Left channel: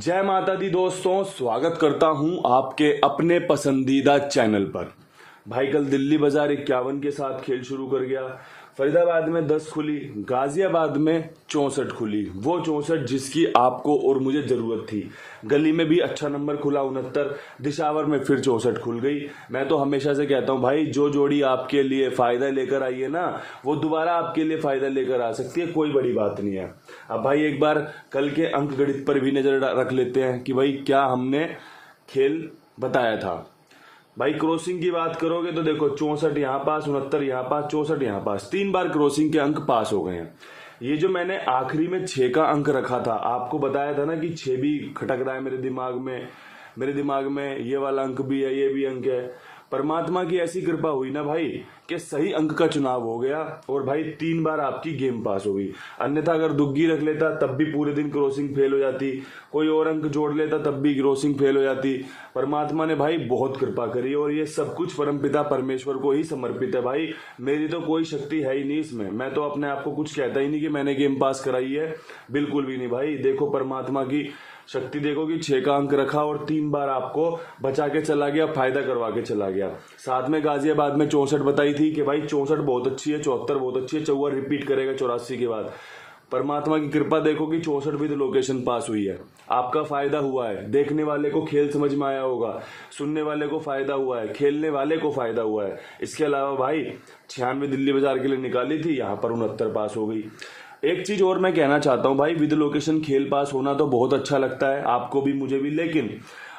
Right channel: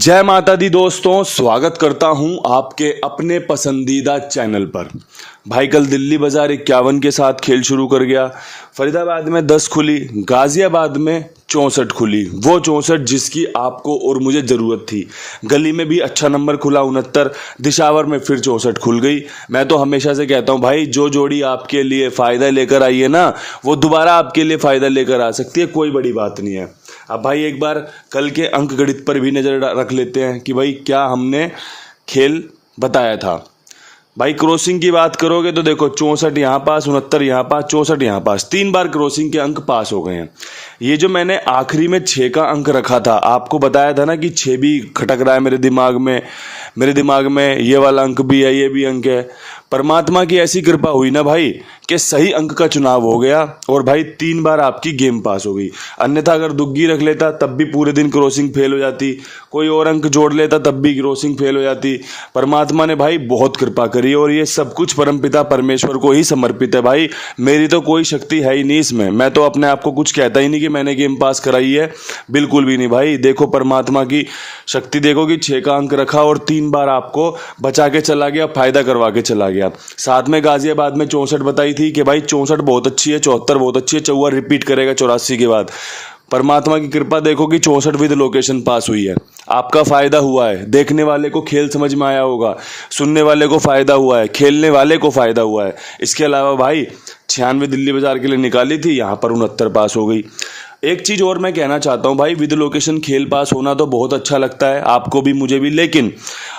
जय माता दी दोस्तों, स्वागत करता हूं आपके अपने पसंदीदा चैनल पर। भाई कल दिल्ली बाजार 51 के साथ खेल शुरू कर गया। फरीदाबाद में 10 खुली, गाजियाबाद में 64 खुली, वो 64 जिसकी आपको और मुझे ज़रूरत थी। गली में भी अच्छा नंबर खुला 69, दिशावर में फिर 64 खुल गई। मैं तो हमेशा से कहता हूँ भाई, जो जोड़ी आपके लिए फ़ायदा लेकर आई है ना, वो दोबारा आपके लिए फ़ायदा लेकर आ सकती है, कोई बड़ी बात नहीं है। अब भाई एक बार कल के अंक गणित पर भी नज़र रख लेते हैं कि भाई क्या हमने खेल बताया था। भाई क्रॉसिंग की बात करोगे तो देखो 64 यहाँ पास, 69 यहाँ पास, 64 यहाँ पास, 3 बार क्रॉसिंग के अंक पास हो गए हैं। ये जो मैंने आखिरी में 6 का अंक रखा था, आपको बताया था ना कि 6 भी खटक रहा है मेरे दिमाग में ये वाला अंक भी है, ये भी अंक है। परमात्मा की ऐसी कृपा हुई ना भाई कि सही अंक का चुनाव हो गया और भाई 3 बार आपकी गेम पास हो गई। अन्यथा अगर दुग्गी रख लेता तब भी पूरे दिन क्रॉसिंग फेल हो जाती, कोई और अंक जोड़ लेता तब भी क्रॉसिंग फेल हो जाती। परमात्मा ने भाई बहुत कृपा करी और ये सब कुछ परमपिता परमेश्वर को ही समर्पित है भाई। मेरी तो कोई शक्ति है ही नहीं इसमें। मैं तो अपने आप को कुछ कहता ही नहीं कि मैंने गेम पास कराई है, बिल्कुल भी नहीं भाई। देखो परमात्मा की शक्ति देखो कि 6 का अंक रखा और 3 बार आपको बचा के चला गया, फायदा करवा के चला गया। साथ में गाजियाबाद में 64 बताई थी कि भाई 64 बहुत अच्छी है, 74 बहुत अच्छी है, 54 रिपीट करेगा 84 के बाद। परमात्मा की कृपा देखो कि 64 विद लोकेशन पास हुई है। आपका फायदा हुआ है, देखने वाले को खेल समझ में आया होगा, सुनने वाले को फायदा हुआ है, खेलने वाले को फायदा हुआ है। इसके अलावा भाई 96 दिल्ली बाजार के लिए निकाली थी, यहाँ पर 69 पास हो गई। एक चीज़ और मैं कहना चाहता हूँ भाई, विद लोकेशन खेल पास होना तो बहुत अच्छा लगता है आपको भी मुझे भी, लेकिन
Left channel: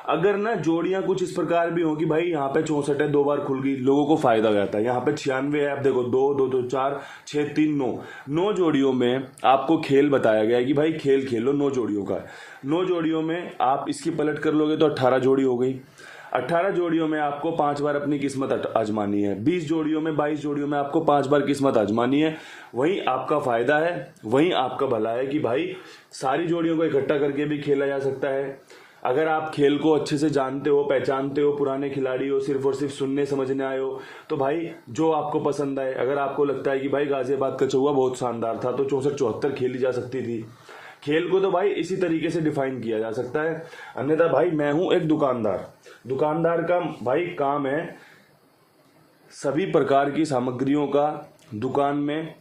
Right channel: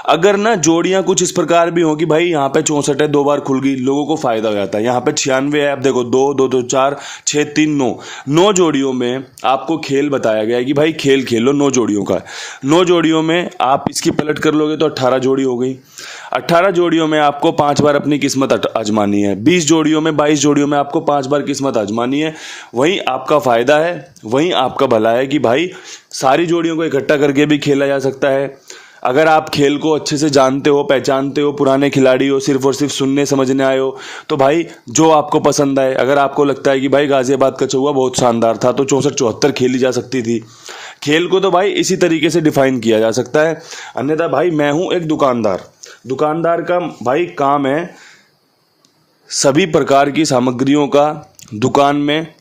अगर ना जोड़ियाँ कुछ इस प्रकार भी हो कि भाई यहाँ पे 64 है, 2 बार खुल गई, लोगों को फायदा हो जाता है। यहाँ पे 96 है, अब देखो 2 2 2 4 6 3 9 जोड़ियों में आपको खेल बताया गया है कि भाई खेल खेलो 9 जोड़ियों का। 9 जोड़ियों में आप इसकी पलट कर लोगे तो 18 जोड़ी हो गई। 18 जोड़ियों में आपको 5 बार अपनी किस्मत आजमानी है। 20 जोड़ियों में 22 जोड़ियों में आपको 5 बार किस्मत आजमानी है। वहीं आपका फ़ायदा है, वहीं आपका भला है कि भाई सारी जोड़ियों को इकट्ठा करके भी खेला जा सकता है। अगर आप खेल को अच्छे से जानते हो, पहचानते हो, पुराने खिलाड़ी हो, सिर्फ और सिर्फ सुनने समझने आए हो, तो भाई जो आपको पसंद आए। अगर आपको लगता है कि भाई गाजियाबाद का चौवा बहुत शानदार था तो 64 74 खेली जा सकती थी। खेल को तो भाई इसी तरीके से डिफाइन किया जा सकता है। अन्यथा भाई मैं हूँ एक दुकानदार का भाई काम है सभी प्रकार की सामग्रियों का दुकान में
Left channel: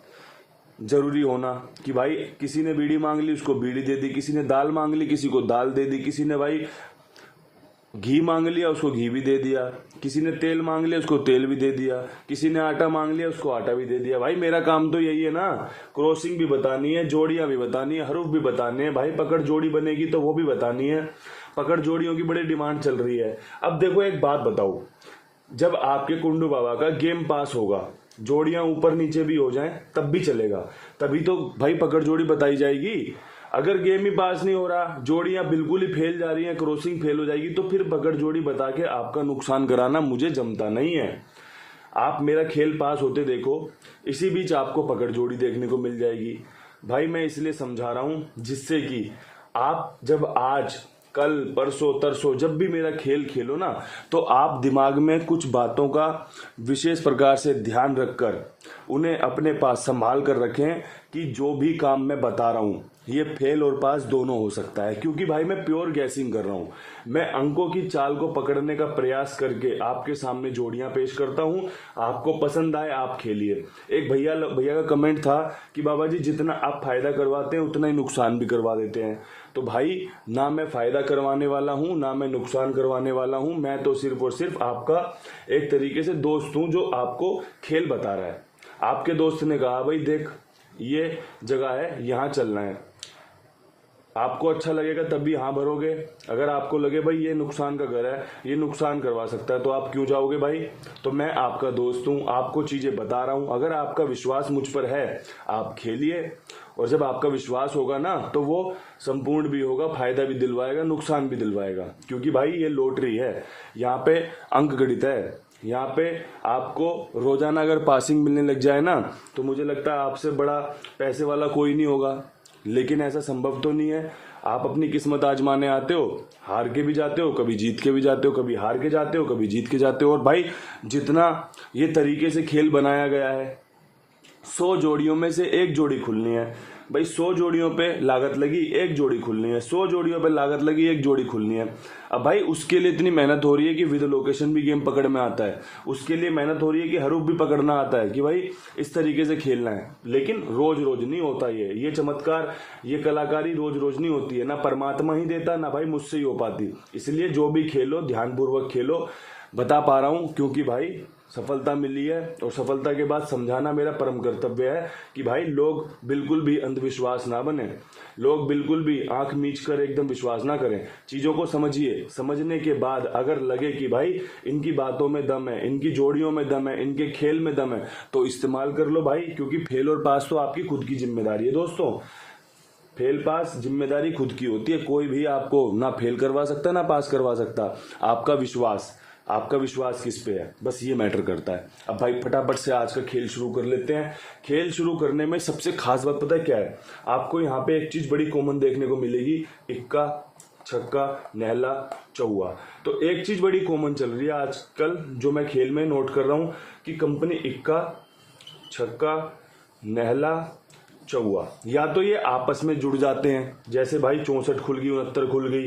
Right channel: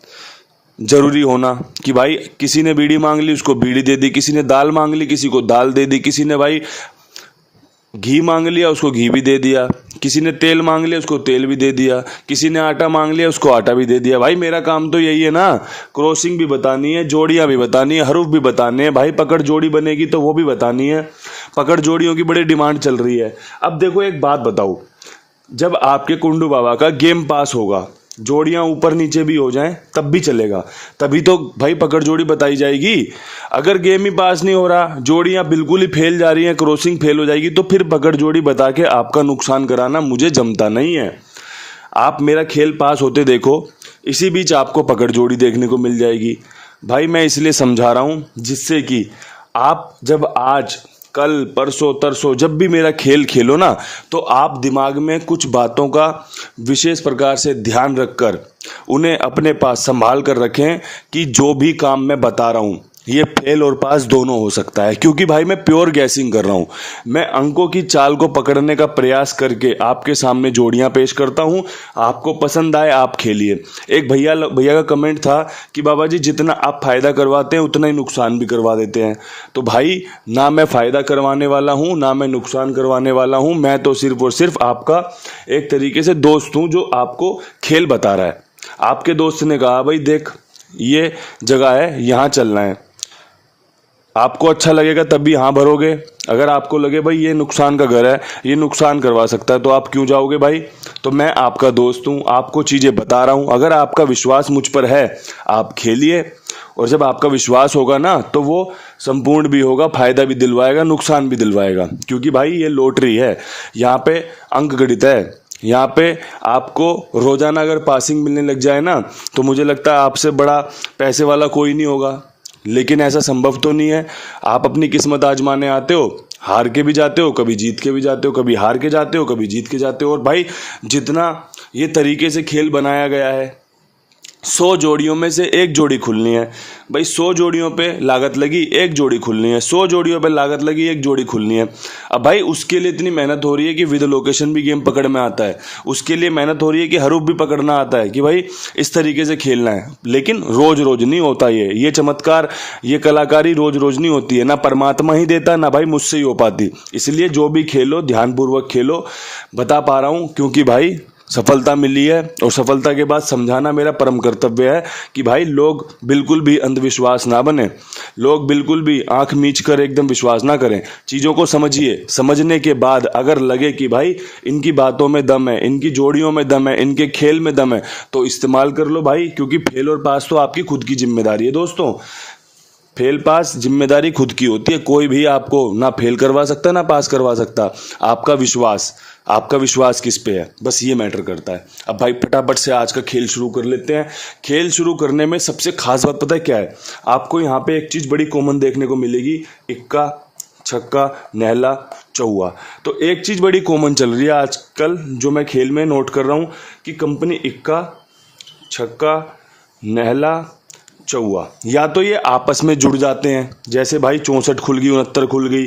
जरूरी होना कि भाई किसी ने बीड़ी मांग ली उसको बीड़ी दे दी, किसी ने दाल मांग ली किसी को दाल दे दी, किसी ने भाई घी मांग लिया उसको घी भी दे दिया, किसी ने तेल मांग लिया उसको तेल भी दे दिया, किसी ने आटा मांग लिया उसको आटा भी दे दिया। भाई मेरा काम तो यही है ना, क्रॉसिंग भी बतानी है, जोड़ियां भी बतानी है, हरूफ भी बताने हैं। भाई पकड़ जोड़ी बनेगी तो वो भी बतानी है। पकड़ जोड़ियों की बड़ी डिमांड चल रही है। अब देखो एक बात बताओ, जब आपके कुंडू बाबा का गेम पास होगा, जोड़ियां ऊपर नीचे भी हो जाएं तब भी चलेगा, तभी तो भाई पकड़ जोड़ी बताई जाएगी। अगर गेम ही पास नहीं हो रहा, जोड़ियां बिल्कुल ही फेल जा रही हैं, क्रॉसिंग फेल हो जाएगी, तो फिर पकड़ जोड़ी बता के आपका नुकसान कराना मुझे जमता नहीं है। आप मेरा खेल पास होते देखो, इसी बीच आपको पकड़ जोड़ी देखने को मिल जाएगी। भाई मैं इसलिए समझा रहा हूँ जिससे कि आप जब आज कल परसों तरसों जब भी मेरा खेल खेलो ना, तो आप दिमाग में कुछ बातों का विशेष प्रकार से ध्यान रखकर उन्हें अपने पास संभाल कर रखें कि जो भी काम मैं बता रहा हूँ ये फेल और पास दोनों हो सकता है। क्योंकि भाई मैं प्योर गैसिंग कर रहा हूँ, मैं अंकों की चाल को पकड़ने का प्रयास करके आपके सामने जोड़ियाँ पेश करता हूँ। आपको पसंद आए आप खेलिए। एक भैया का कमेंट था कि बाबा जी जितना आप फ़ायदा करवाते हैं उतना ही नुकसान भी करवा देते हैं। तो भाई ना मैं फ़ायदा करवाने वाला हूँ ना मैं नुकसान करवाने वाला हूँ, मैं तो सिर्फ और सिर्फ आपका एक तरीके से दोस्त हूँ जो आपको खेल बता रहा है। आपके दोस्त ने कहा भाई देख ये जगह है यहाँ चलना है, आपको अच्छा लगेगा तभी हाँ भरोगे। अगर आपको लगे भाई ये नुकसान का घर है, ये नुकसान करवा सकता है, तो आप क्यों जाओगे भाई। तो मैं आपका दोस्त हूँ, आपको चीज़ें बता रहा हूँ। अगर आपका विश्वास मुझ पर है आप खेलिए, और जब आपका विश्वास होगा ना तो वो संपूर्ण भी होगा, फ़ायदा भी दिलवाएगा, नुकसान भी दिलवाएगा। क्योंकि भाई ये लॉटरी है, यहाँ पे अंक गणित है। यहाँ पे आपको रोज़ाना अगर पासिंग मिलने लग जाए ना तो मुझे लगता है आपसे बड़ा पैसे वाला कोई नहीं होगा। लेकिन ऐसा संभव तो नहीं है। आप अपनी किस्मत आजमाने आते हो, हार के भी जाते हो, कभी जीत के भी जाते हो, कभी हार के जाते हो, कभी जीत के जाते हो। और भाई जितना ये तरीके से खेल बनाया गया है, 100 जोड़ियों में से एक जोड़ी खुलनी है भाई। 100 जोड़ियों पे लागत लगी, एक जोड़ी खुलनी है। 100 जोड़ियों पे लागत लगी, एक जोड़ी खुलनी है। अब भाई उसके लिए इतनी मेहनत हो रही है कि विद लोकेशन भी गेम पकड़ में आता है। उसके लिए मेहनत हो रही है कि हरूफ भी पकड़ना आता है कि भाई इस तरीके से खेलना है। लेकिन रोज रोज नहीं होता ये चमत्कार, ये कलाकारी रोज रोज नहीं होती है। ना परमात्मा ही देता, ना भाई मुझसे ही हो पाती। इसलिए जो भी खेलो ध्यानपूर्वक खेलो। बता पा रहा हूँ क्योंकि भाई सफलता मिली है, और सफलता के बाद समझाना मेरा परम कर्तव्य है कि भाई लोग बिल्कुल भी अंधविश्वास ना बने, लोग बिल्कुल भी आंख मीच कर एकदम विश्वास ना करें। चीज़ों को समझिए, समझने के बाद अगर लगे कि भाई इनकी बातों में दम है, इनकी जोड़ियों में दम है, इनके खेल में दम है, तो इस्तेमाल कर लो भाई। क्योंकि फेल और पास तो आपकी खुद की जिम्मेदारी है दोस्तों। फेल पास जिम्मेदारी खुद की होती है। कोई भी आपको ना फेल करवा सकता ना पास करवा सकता। आपका विश्वास किस पे है, बस ये मैटर करता है। अब भाई फटाफट से आज का खेल शुरू कर लेते हैं। खेल शुरू करने में सबसे खास बात पता है क्या है? आपको यहाँ पे एक चीज़ बड़ी कॉमन देखने को मिलेगी, इक्का, छक्का, नहला, चौवा। तो एक चीज़ बड़ी कॉमन चल रही है आजकल जो मैं खेल में नोट कर रहा हूँ कि कंपनी इक्का, छक्का, नहला, चौवा, या तो ये आपस में जुड़ जाते हैं, जैसे भाई 64 खुल गई, 69 खुल गई,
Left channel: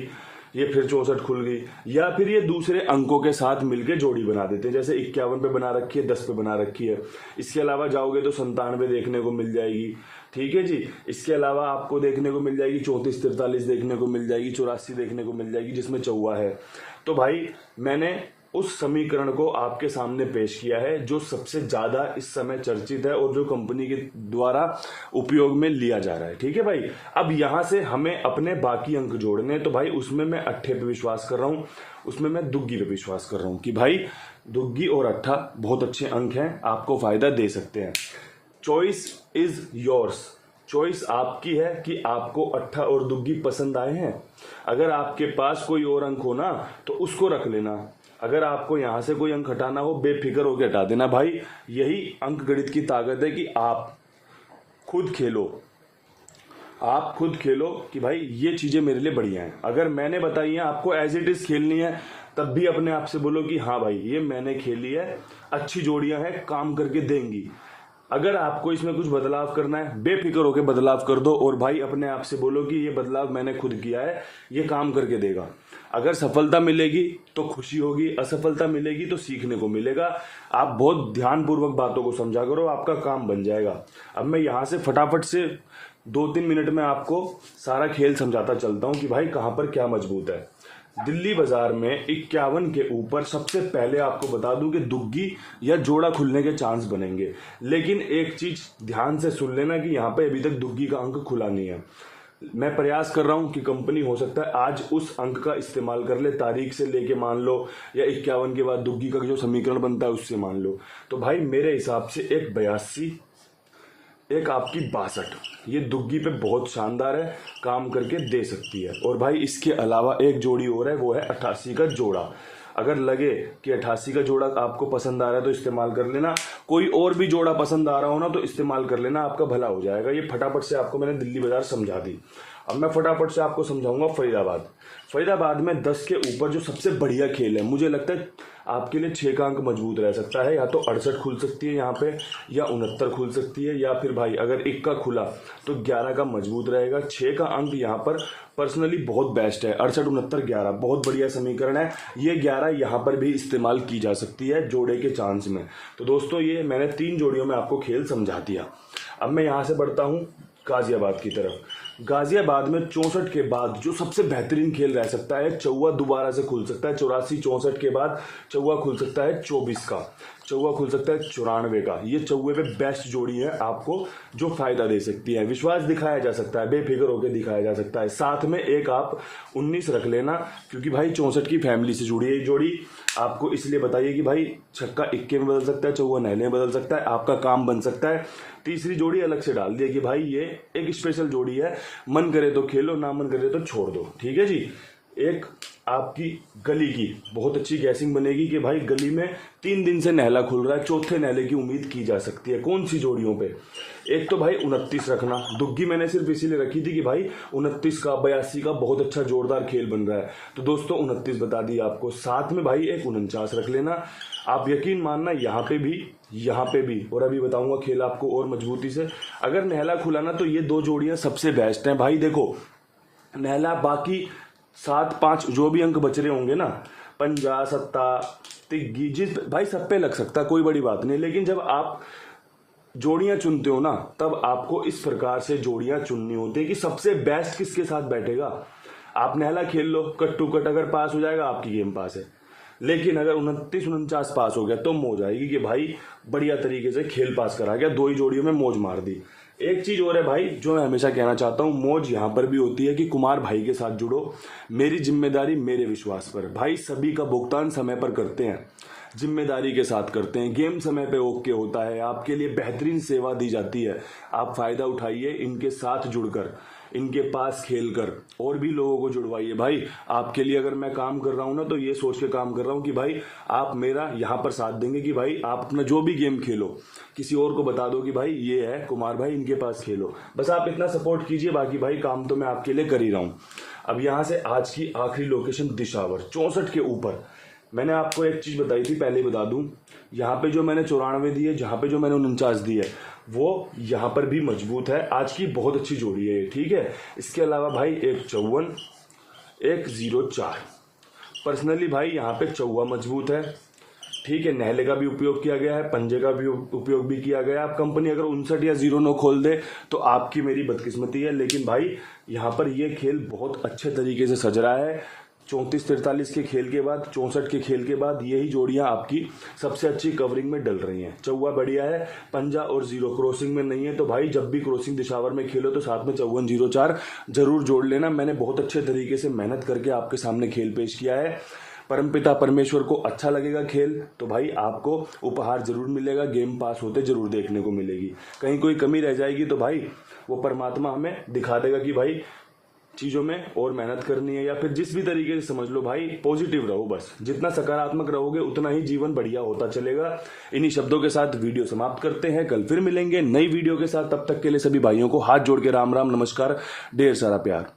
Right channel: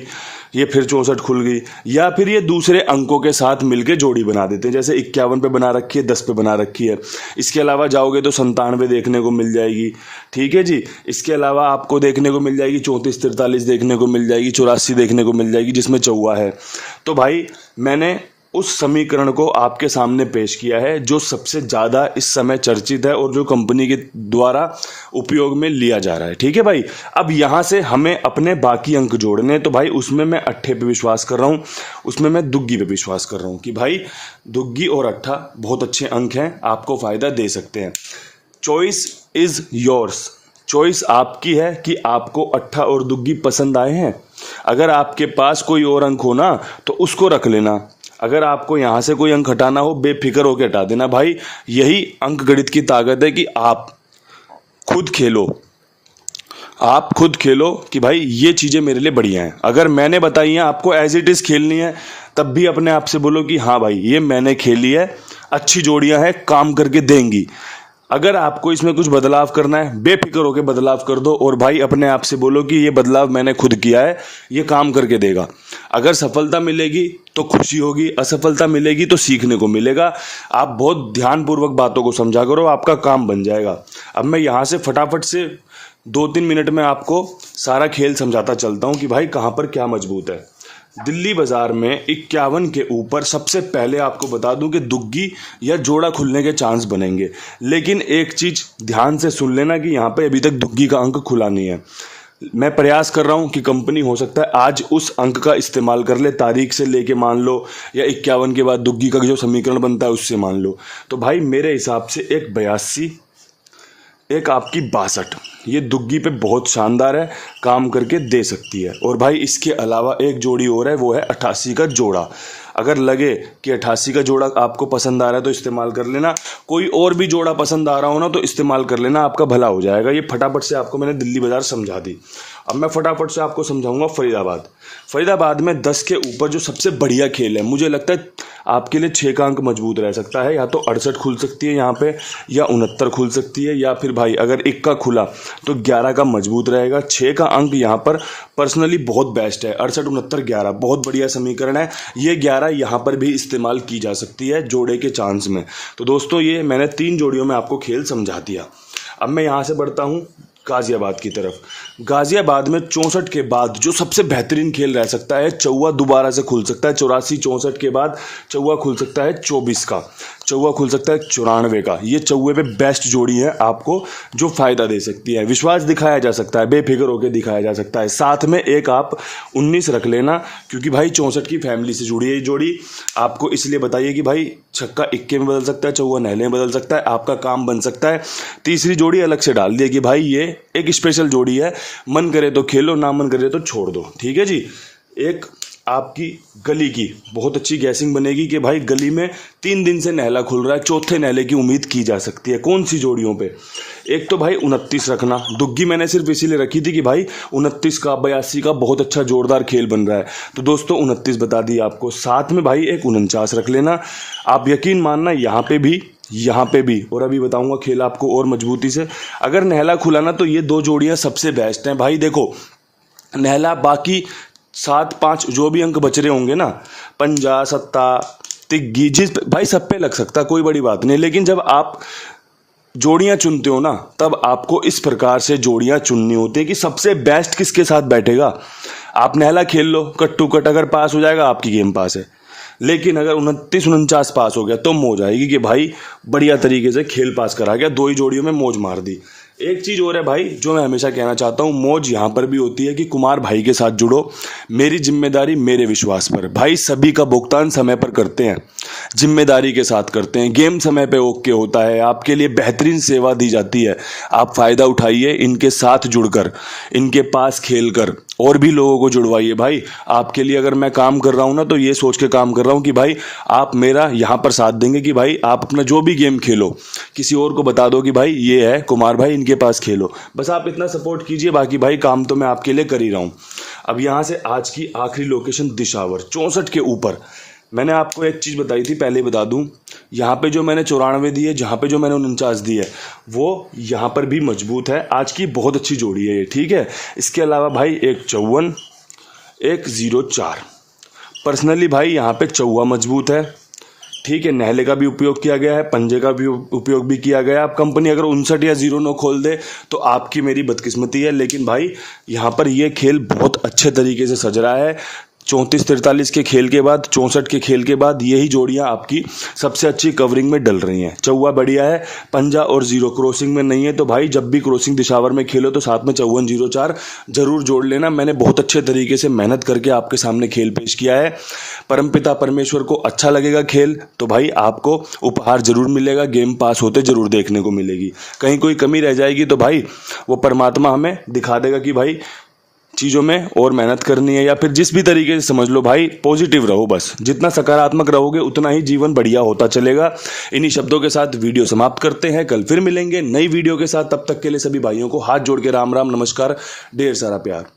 ये फिर 64 खुल गई, या फिर ये दूसरे अंकों के साथ मिलके जोड़ी बना देते हैं। जैसे 51 पे बना रखी है, 10 पे बना रखी है। इसके अलावा जाओगे तो 97 देखने को मिल जाएगी, ठीक है जी। इसके अलावा आपको देखने को मिल जाएगी 34, 43 देखने को मिल जाएगी, 84 देखने को मिल जाएगी जिसमें चौवा है। तो भाई मैंने उस समीकरण को आपके सामने पेश किया है जो सबसे ज़्यादा इस समय चर्चित है और जो कंपनी के द्वारा उपयोग में लिया जा रहा है, ठीक है भाई। अब यहाँ से हमें अपने बाकी अंक जोड़ने हैं। तो भाई उसमें मैं अट्ठे पे विश्वास कर रहा हूँ, उसमें मैं दुग्गी पे विश्वास कर रहा हूँ कि भाई दुग्गी और अट्ठा बहुत अच्छे अंक हैं, आपको फ़ायदा दे सकते हैं। चॉइस इज़ योर्स, चॉइस आपकी है कि आपको अट्ठा और दुग्गी पसंद आए हैं। अगर आपके पास कोई और अंक हो ना तो उसको रख लेना। अगर आपको यहाँ से कोई अंक हटाना हो बेफिक्र होकर हटा देना भाई। यही अंक गणित की ताकत है कि आप खुद खेलो, आप खुद खेलो कि भाई ये चीज़ें मेरे लिए बढ़िया हैं। अगर मैंने बताई हैं आपको एज इट इज़ खेलनी है, तब भी अपने आप से बोलो कि हाँ भाई ये मैंने खेली है, अच्छी जोड़ियाँ हैं, काम करके देंगी। अगर आपको इसमें कुछ बदलाव करना है बेफिक्र होकर बदलाव कर दो, और भाई अपने आप से बोलो कि ये बदलाव मैंने खुद किया है, ये काम करके देगा। अगर सफलता मिलेगी तो खुशी होगी, असफलता मिलेगी तो सीखने को मिलेगा। आप बहुत ध्यानपूर्वक बातों को समझा करो, आपका काम बन जाएगा। अब मैं यहाँ से फटाफट से 2-3 मिनट में आपको सारा खेल समझाता चलता हूँ कि भाई कहाँ पर क्या मजबूत है। दिल्ली बाजार में 51 के ऊपर सबसे पहले आपको बता दूं कि दुग्गी या जोड़ा खुलने के चांस बनेंगे। लेकिन एक चीज़ ध्यान से सुन लेना कि यहाँ पे अभी तक दुग्गी का अंक खुला नहीं है। मैं प्रयास कर रहा हूँ कि कंपनी हो सकता है आज उस अंक का इस्तेमाल कर ले, तारीख से लेके मान लो, या 51 के बाद दुग्गी का जो समीकरण बनता है उससे मान लो। तो भाई मेरे हिसाब से एक 82, एक आपकी 62, ये दुग्गी पे बहुत शानदार है, काम करके दे सकती है। और भाई इसके अलावा एक जोड़ी और है, वो है 88 का जोड़ा। अगर लगे कि 88 का जोड़ा आपको पसंद आ रहा है तो इस्तेमाल कर लेना। कोई और भी जोड़ा पसंद आ रहा हो ना तो इस्तेमाल कर लेना, आपका भला हो जाएगा। ये फटाफट से आपको मैंने दिल्ली बाजार समझा दी। अब मैं फटाफट से आपको समझाऊंगा फरीदाबाद। फरीदाबाद में 10 के ऊपर जो सबसे बढ़िया खेल है, मुझे लगता है आपके लिए 6 का अंक मजबूत रह सकता है। या तो 68 खुल सकती है यहाँ पे, या 69 खुल सकती है, या फिर भाई अगर 1 का खुला तो 11 का मजबूत रहेगा। 6 का अंक यहाँ पर पर्सनली बहुत बेस्ट है। 68, 69, 11 बहुत बढ़िया समीकरण है। ये 11 यहाँ पर भी इस्तेमाल की जा सकती है जोड़े के चांस में। तो दोस्तों ये मैंने 3 जोड़ियों में आपको खेल समझा दिया। अब मैं यहाँ से बढ़ता हूँ गाजियाबाद की तरफ। गाजियाबाद में 64 के बाद जो सबसे बेहतरीन खेल रह सकता है, चौवा दोबारा से खुल सकता है। 84, 64 के बाद चौवा खुल सकता है 24 का, चौवा खुल सकता है 94 का। ये चौवे पे बेस्ट जोड़ी है आपको जो फ़ायदा दे सकती है। विश्वास दिखाया जा सकता है, बेफिक्र होकर दिखाया जा सकता है। साथ में एक आप 19 रख लेना, क्योंकि भाई 64 की फैमिली से जुड़ी है ये जोड़ी। आपको इसलिए बताइए कि भाई छक्का इक्के में बदल सकता है, चौवा नहले में बदल सकता है, आपका काम बन सकता है। तीसरी जोड़ी अलग से डाल दिया कि भाई ये एक स्पेशल जोड़ी है, मन करे तो खेलो, ना मन करे तो छोड़ दो, ठीक है जी। एक आपकी गली की बहुत अच्छी गैसिंग बनेगी कि भाई गली में 3 दिन से नहला खुल रहा है, चौथे नहले की उम्मीद की जा सकती है। कौन सी जोड़ियों पे? एक तो भाई 29 रखना, दुग्गी मैंने सिर्फ इसीलिए रखी थी कि भाई 29 का 82 का बहुत अच्छा जोरदार खेल बन रहा है, तो दोस्तों 29 बता दी आपको। साथ में भाई एक 49 रख लेना। आप यकीन मानना यहाँ पे भी और अभी बताऊंगा खेल आपको और मजबूती से। अगर नहला खुला ना तो ये 2 जोड़ियाँ सबसे बेस्ट हैं भाई। देखो नहला बाकी 7 5 जो भी अंक बच रहे होंगे ना, पंजा सत्ता तिग्गी जिस भाई सब पे लग सकता, कोई बड़ी बात नहीं। लेकिन जब आप जोड़ियां चुनते हो ना तब आपको इस प्रकार से जोड़ियां चुननी होती है कि सबसे बेस्ट किसके साथ बैठेगा। आप नहला खेल लो कट टू कट, अगर पास हो जाएगा आपकी गेम पास है। लेकिन अगर 29 49 पास हो गया तो मौज आएगी कि भाई बढ़िया तरीके से खेल पास करा गया, 2 ही जोड़ियों में मौज मार दी। एक चीज़ और है भाई जो मैं हमेशा कहना चाहता हूँ, मौज यहाँ पर भी होती है कि कुमार भाई के साथ जुड़ो, मेरी जिम्मेदारी मेरे विश्वास पर। भाई सभी का भुगतान समय पर करते हैं, जिम्मेदारी के साथ करते हैं, गेम समय पे ओके होता है, आपके लिए बेहतरीन सेवा दी जाती है। आप फ़ायदा उठाइए, इनके साथ जुड़कर, इनके पास खेलकर और भी लोगों को जुड़वाइए। भाई आपके लिए अगर मैं काम कर रहा हूँ ना तो ये सोच के काम कर रहा हूँ कि भाई आप मेरा यहाँ पर साथ देंगे कि भाई आप अपना जो भी गेम खेलो किसी और को बता दो कि भाई ये है कुमार भाई, इनके पास खेलो। बस आप इतना सपोर्ट कीजिए, बाकी भाई काम तो मैं आपके लिए कर ही रहा हूँ। अब यहाँ से आज की आखिरी लोकेशन दिशावर 64 के ऊपर। मैंने आपको एक चीज़ बताई थी, पहले बता दूं, यहाँ पे जो मैंने 94 दी है, जहाँ पे जो मैंने 49 दी है, वो यहाँ पर भी मजबूत है। आज की बहुत अच्छी जोड़ी है ये, ठीक है। इसके अलावा भाई एक 54 एक 04। पर्सनली भाई यहाँ पे चौवा मजबूत है, ठीक है। नहले का भी उपयोग किया गया है, पंजे का भी उपयोग भी किया गया है। अब कंपनी अगर 59 या 09 खोल दे तो आपकी मेरी बदकिस्मती है, लेकिन भाई यहाँ पर ये खेल बहुत अच्छे तरीके से सज रहा है। 34-43 के खेल के बाद, 64 के खेल के बाद यही जोड़ियां आपकी सबसे अच्छी कवरिंग में डल रही हैं। चौवा बढ़िया है, पंजा और 0 क्रॉसिंग में नहीं है, तो भाई जब भी क्रॉसिंग दिशावर में खेलो तो साथ में 54-04 जरूर जोड़ लेना। मैंने बहुत अच्छे तरीके से मेहनत करके आपके सामने खेल पेश किया है। परमपिता परमेश्वर को अच्छा लगेगा खेल तो भाई आपको उपहार जरूर मिलेगा, गेम पास होते जरूर देखने को मिलेगी। कहीं कोई कमी रह जाएगी तो भाई वो परमात्मा हमें दिखा देगा कि भाई चीज़ों में और मेहनत करनी है, या फिर जिस भी तरीके से समझ लो। भाई पॉजिटिव रहो, बस जितना सकारात्मक रहोगे उतना ही जीवन बढ़िया होता चलेगा। इन्हीं शब्दों के साथ वीडियो समाप्त करते हैं, कल फिर मिलेंगे नई वीडियो के साथ। तब तक के लिए सभी भाइयों को हाथ जोड़ के राम राम नमस्कार, ढेर सारा प्यार।